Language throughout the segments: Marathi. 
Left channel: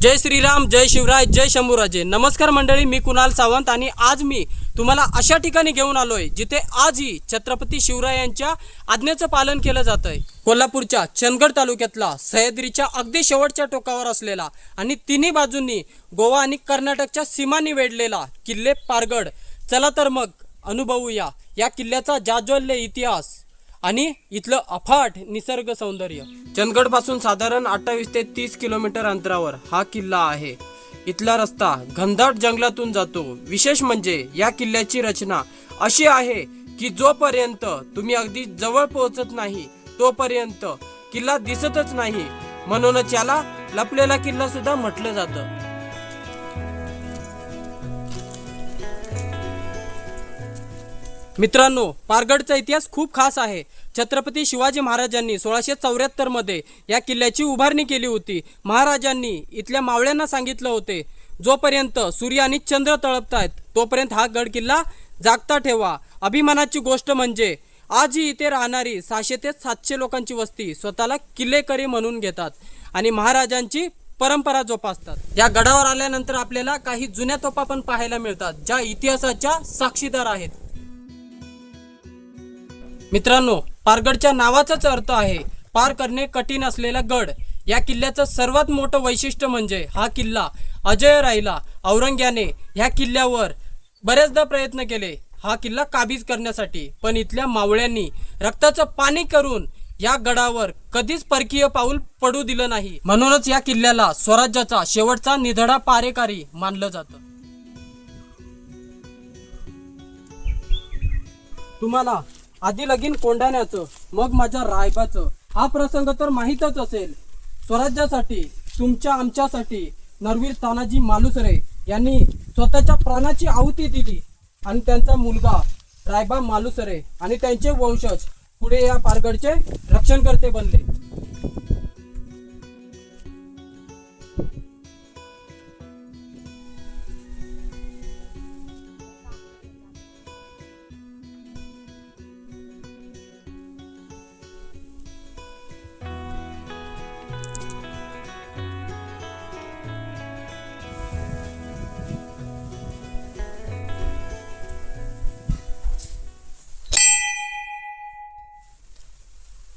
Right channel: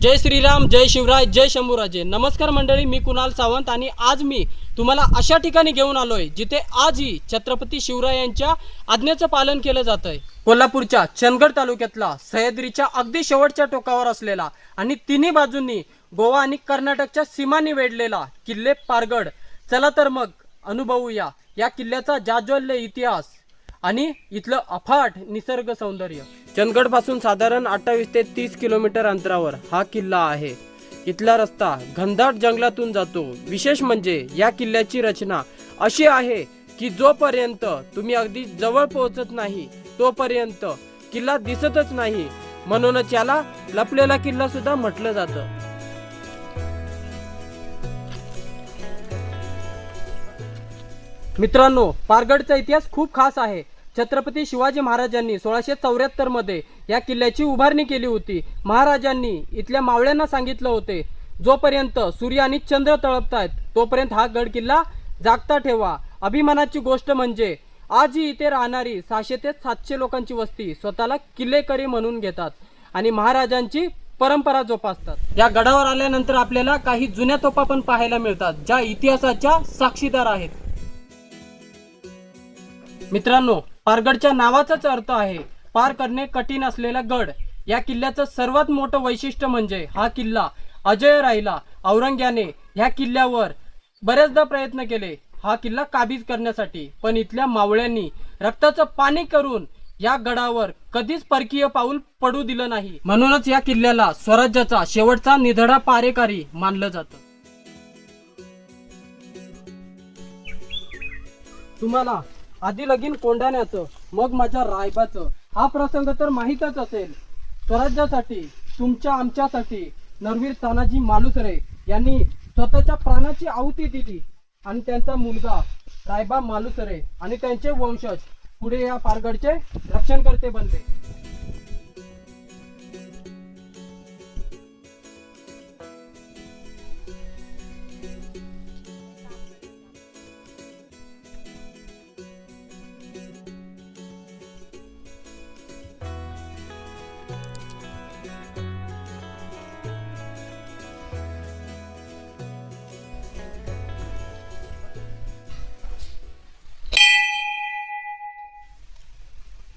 जय श्रीराम, जय शिवराय, जय शंभूराजे. नमस्कार मंडळी, मी कुणाल सावंत आणि आज मी तुम्हाला अशा ठिकाणी घेऊन आलोय जिथे आजही छत्रपती शिवरायांच्या आज्ञेचं पालन केलं जात आहे. कोल्हापूरच्या चंदगड तालुक्यातला सह्याद्रीच्या अगदी शेवटच्या टोकावर असलेला आणि तिन्ही बाजूंनी गोवा आणि कर्नाटकच्या सीमांनी वेढलेला किल्ले पारगड. चला तर मग अनुभवूया या किल्ल्याचा जाज्वल्य इतिहास आणि इथलं अफाट निसर्ग सौंदर्य. चंदगड पासून साधारण 28 ते 30 किलोमीटर अंतरावर हा किल्ला आहे. इथला रस्ता घनदाट जंगलातून जातो. विशेष म्हणजे या किल्ल्याची रचना अशी आहे की जोपर्यंत तुम्ही अगदी जवळ पोहोचत नाही तोपर्यंत किल्ला दिसतच नाही. म्हणूनच याला लपलेला किल्ला सुद्धा म्हटलं जातं. मित्रांनो, पारगडचा इतिहास खूप खास आहे. छत्रपती शिवाजी महाराजांनी 1674 मध्ये या किल्ल्याची उभारणी केली होती. महाराजांनी इथल्या मावळ्यांना सांगितलं होते, जोपर्यंत सूर्य आणि चंद्र तळपतायत तोपर्यंत हा गड किल्ला जागता ठेवा. अभिमानाची गोष्ट म्हणजे आजही इथे राहणारी 600 ते 700 लोकांची वस्ती स्वतःला किल्लेकरी म्हणून घेतात आणि महाराजांची परंपरा जोपासतात. या गडावर आल्यानंतर आपल्याला काही जुन्या तोफा पण पाहायला मिळतात, ज्या इतिहासाच्या साक्षीदार आहेत. मित्रांनो, पारगडच्या नावाचाच अर्थ आहे पार करणे कठीण असलेला गड. या किल्ल्याचं सर्वात मोठं वैशिष्ट्य म्हणजे हा किल्ला अजय राहिला. औरंग्याने ह्या किल्ल्यावर बरेचदा प्रयत्न केले हा किल्ला काबीज करण्यासाठी, पण इथल्या मावळ्यांनी रक्ताचं पाणी करून या गडावर कधीच परकीय पाऊल पडू दिलं नाही. म्हणूनच या किल्ल्याला स्वराज्याचा शेवटचा निधडा पारेकारी मानलं जातं. तुम्हाला आधी लगीन कोंढाण्याचं मग माझ्या रायबाचं हा प्रसंग तर माहीतच असेल. स्वराज्यासाठी, तुमच्या आमच्यासाठी नरवीर तानाजी मालुसरे यांनी स्वतःच्या प्राणाची आहुती दिली आणि त्यांचा मुलगा रायबा मालुसरे आणि त्यांचे वंशज पुढे या पारगडचे रक्षणकर्ते बनले.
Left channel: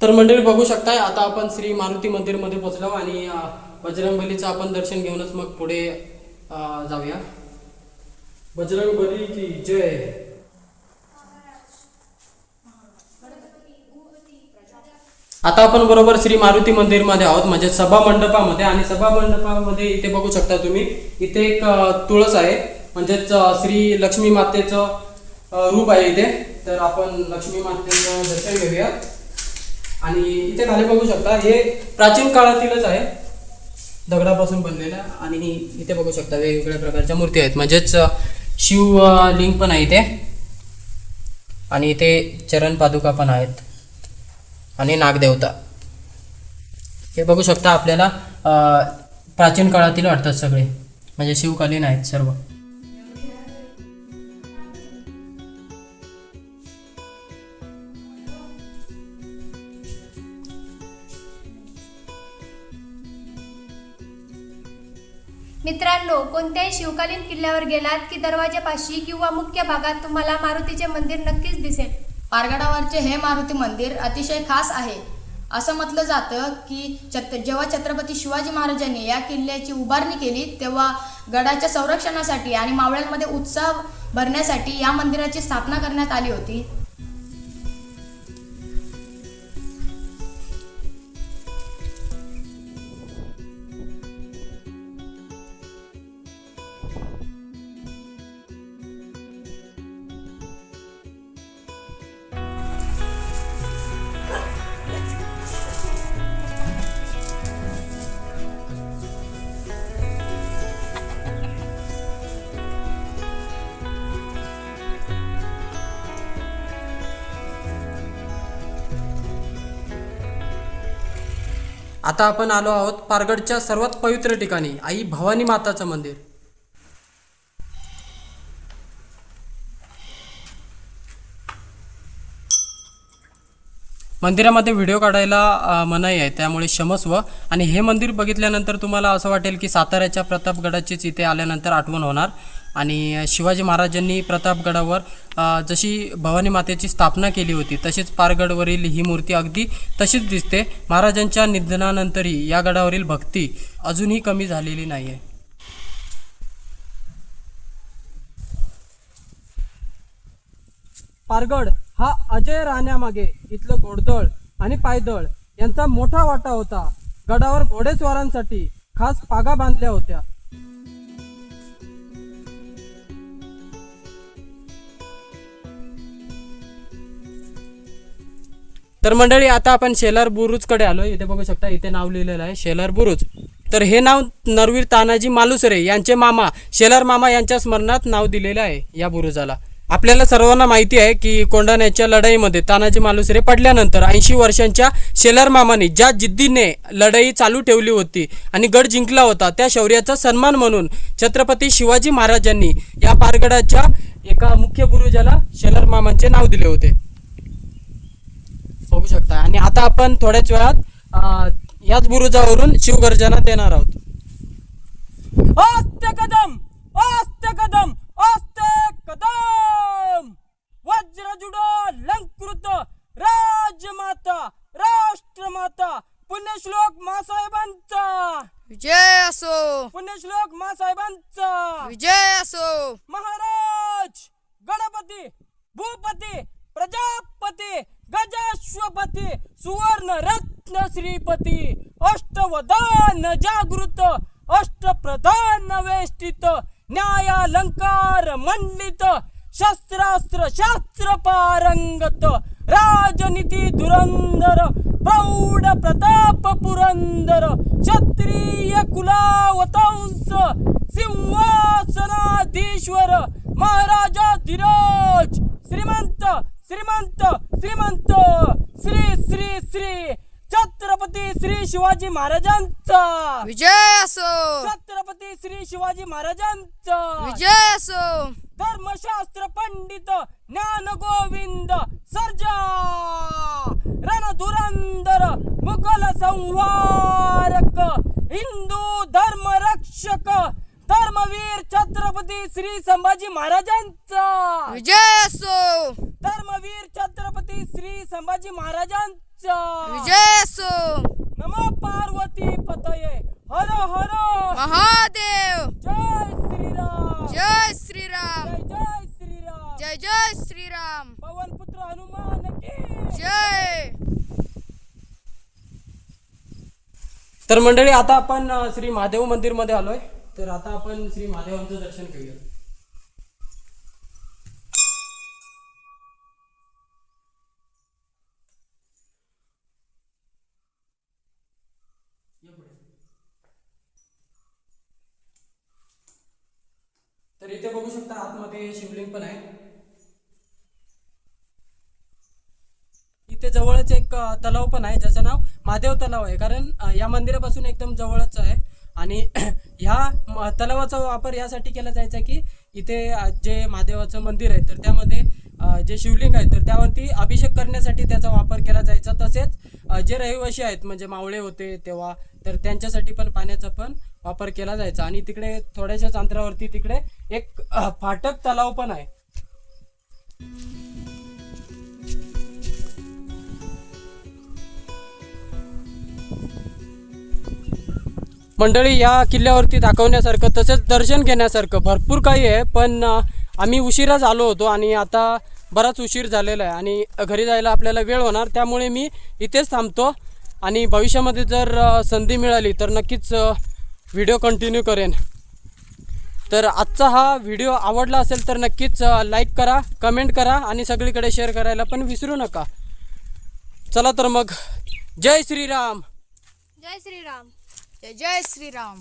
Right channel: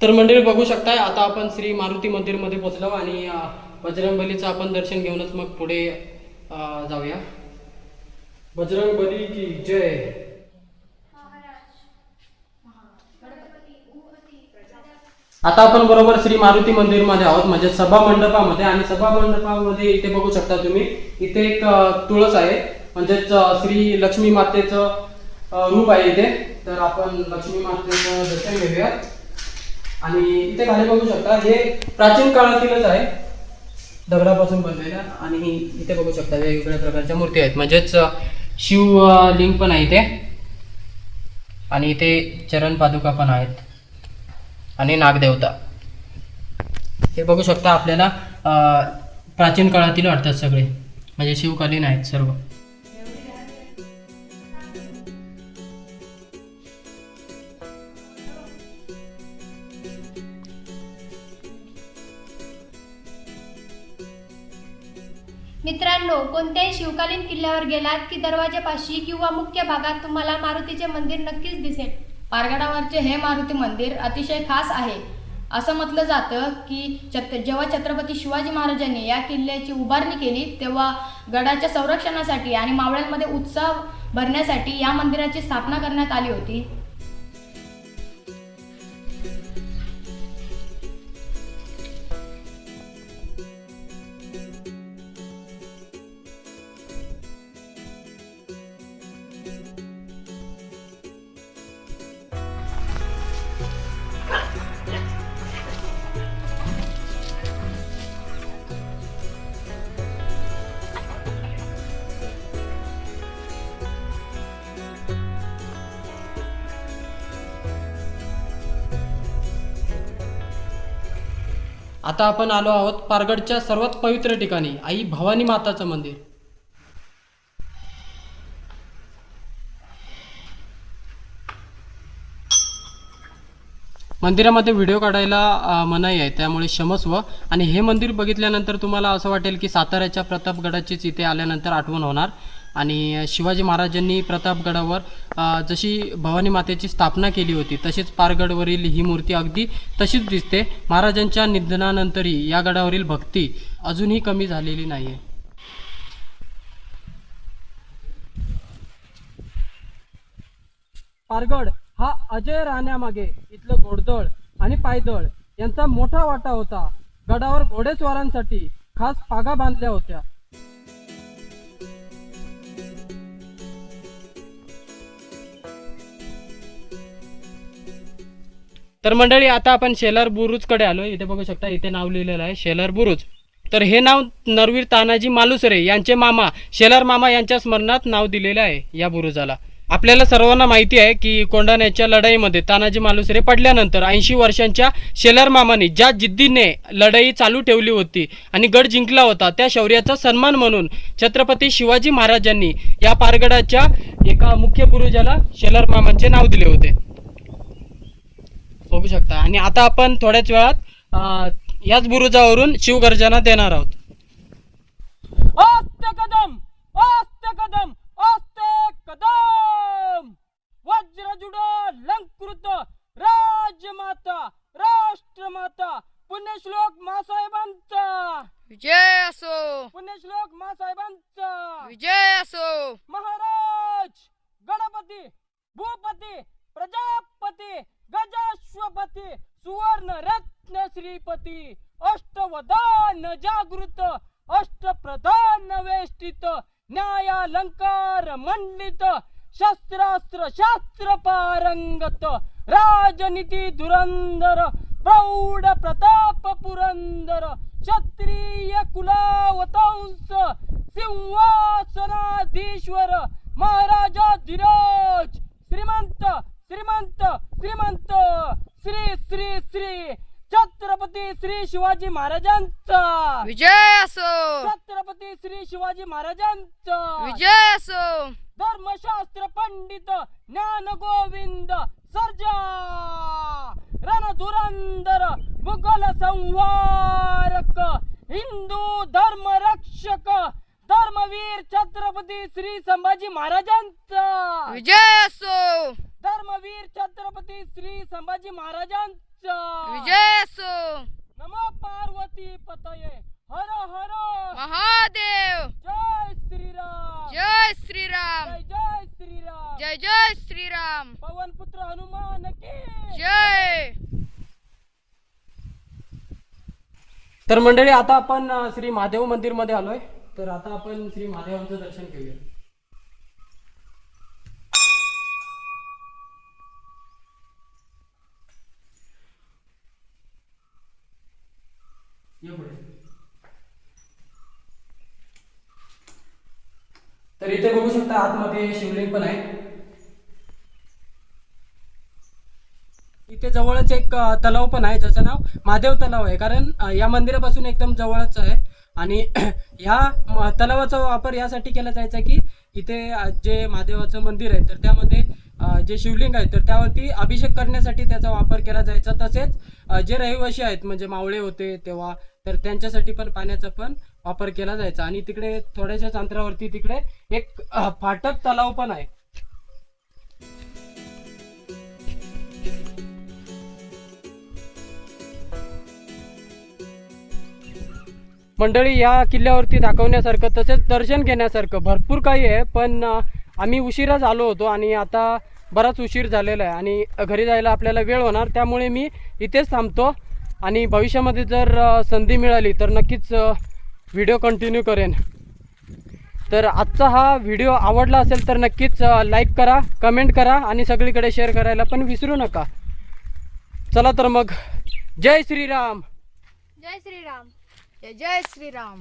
तर मंडळी बघू शकताय, आता आपण श्री मारुती मंदिर मध्ये पोहोचलो आणि बजरंगबलीचं आपण दर्शन घेऊनच मग पुढे जाऊया. बजरंगबली की जय. आता आपण बरोबर श्री मारुती मंदिर मध्ये आहोत, म्हणजे सभा मंडपामध्ये. आणि सभा मंडपामध्ये इथे बघू शकता तुम्ही, इथे एक तुळस आहे, म्हणजेच श्री लक्ष्मी मातेचं रूप आहे इथे. तर आपण लक्ष्मी मातेचं दर्शन घेऊया. आणि इथे खाली बघू शकता, हे प्राचीन काळातीलच आहे, दगडापासून बनलेल्या. आणि इथे बघू शकता वेगवेगळ्या प्रकारच्या मूर्ती आहेत, म्हणजेच शिवलिंग पण आहे इथे आणि इथे चरण पादुका पण आहेत आणि नागदेवता. हे बघू शकता आपल्याला प्राचीन काळातील वाटतात सगळे, म्हणजे शिवकालीन आहेत सर्व. मित्रांनो, कोणत्याही शिवकालीन किल्ल्यावर गेलात की दरवाजापाशी किंवा मुख्य भागात तुम्हाला मारुतीचे मंदिर नक्कीच दिसेल. पारगडावरचे हे मारुती मंदिर अतिशय खास आहे. असं म्हटलं जातं की जेव्हा छत्रपती शिवाजी महाराजांनी या किल्ल्याची उभारणी केली तेव्हा गडाच्या संरक्षणासाठी आणि मावळ्यांमध्ये उत्साह भरण्यासाठी या मंदिराची स्थापना करण्यात आली होती. आता आपण आलो आहोत पारगडच्या सर्वात पवित्र ठिकाणी, आई भवानी माताचं मंदिर. मंदिरामध्ये व्हिडिओ काढायला मनाई आहे, त्यामुळे क्षमस्व. आणि हे मंदिर बघितल्यानंतर तुम्हाला असं वाटेल की साताऱ्याच्या प्रतापगडाचीच इथे आल्यानंतर आठवण होणार. आणि शिवाजी महाराजांनी प्रतापगडावर जशी भवानी मातेची स्थापना केली होती तशीच पारगडवरील ही मूर्ती अगदी तशीच दिसते. महाराजांच्या निधनानंतरही या गडावरील भक्ती अजूनही कमी झालेली नाही आहे. पारगड हा अजय राहण्यामागे इथलं घोडदळ आणि पायदळ यांचा मोठा वाटा होता. गडावर घोडेस्वारांसाठी खास पागा बांधल्या होत्या. तर मंडळी, आता आपण शेलार बुरुजकडे आलो. इथे बघू शकता, इथे नाव लिहिलेलं आहे शेलार बुरुज. तर हे नाव नरवीर तानाजी मालुसरे यांचे मामा शेलार मामा यांच्या स्मरणात नाव दिलेलं आहे या बुरुजाला. आपल्याला सर्वांना माहिती आहे की कोंढाण्याच्या लढाईमध्ये तानाजी मालुसरे पडल्यानंतर 80 वर्षांच्या शेलार मामांनी ज्या जिद्दीने लढाई चालू ठेवली होती आणि गड जिंकला होता, त्या शौर्याचा सन्मान म्हणून छत्रपती शिवाजी महाराजांनी या पारगडाच्या एका मुख्य बुरुजाला शेलार मामांचे नाव दिले होते. बघू शकता. आणि आता आपण थोड्याच वेळात याच बुरुजावरून शिवगर्जना देणार आहोत. अस्ते कदम, अस्ते कदम, अस्ते कदम, वज्रजुडो लंकृत राजमाता राष्ट्रमाता पुण्यश्लोक मासाहेबांचा विजय असो, पुण्यश्लोक मासाहेबांचा विजय असो. महाराज गणपती भूपती प्रजापती गजाश्वपती सुवर्ण रत्न श्रीपती अष्टवदान जागृत अष्टप्रधान वेष्टित न्यायालंकार मंडित शस्त्रास्त्र शास्त्र पारंगत राजनीती धुरंधर प्रौढ प्रताप पुरंदर क्षत्रिय कुलावतांस सिंहासनाधीश्वर महाराजाधिराज श्रीमंत श्रीमंत श्रीमंत श्री श्री श्री छत्रपती श्री शिवाजी महाराजांचा विजय असो, छत्रपती श्री शिवाजी महाराजांचा विजय असो. धर्मशास्त्र पंडित ज्ञान गोविंद सर्जा रणधुरंदर मुघल संहारक हिंदू धर्म रक्षक धर्मवीर छत्रपती श्री संभाजी महाराजांचा विजय असो, धर्मवीर छत्रपती श्री संभाजी महाराजांचा विजय असो. नमो पार्वती पतये हर हर महादेव. जय श्रीराम जय श्रीराम, जय जय श्रीराम जय जय श्रीराम. पवनपुत्र हनुमान की जय. तर मंडळी, आता आपण श्री महादेव मंदिर मध्ये आलोय. तर आता आपण श्री महादेवांचं दर्शन घेऊया. तर इथे बघू शकता, आतमध्ये शिवलिंग पण आहे. इथे जवळच एक तलाव पण आहे, ज्याचं नाव महादेव तलाव आहे. कारण या मंदिरापासून एकदम जवळच आहे. आणि ह्या तलावाचा वापर यासाठी केला जायचा की इथे जे महादेवाचं मंदिर आहे तर त्यामध्ये जे शिवलिंग आहे तर त्यावरती अभिषेक करण्यासाठी त्याचा वापर केला जायचा. तसेच जे रहिवासी आहेत म्हणजे मावळे होते तेव्हा, तर त्यांच्यासाठी पण पाण्याचा पण वापर केला जायचा. आणि तिकडे थोड्याशाच अंतरावरती तिकडे एक फाटक तलाव पण आहे. मंडळी, या किल्ल्यावरती दाखवण्यासारखं तसेच दर्शन घेण्यासारखं भरपूर काही आहे. पण आम्ही उशिराच आलो होतो आणि आता बराच उशीर झालेला आहे आणि घरी जायला आपल्याला वेळ होणार. त्यामुळे मी इथेच थांबतो आणि भविष्यामध्ये जर संधी मिळाली तर नक्कीच व्हिडिओ कंटिन्यू करेन. तर आजचा हा व्हिडिओ आवडला असेल तर नक्कीच लाईक करा, कमेंट करा आणि सगळीकडे शेअर करायला पण विसरू नका. चला तर मग, जय श्रीराम. जय श्रीराम, जय जय श्रीराम.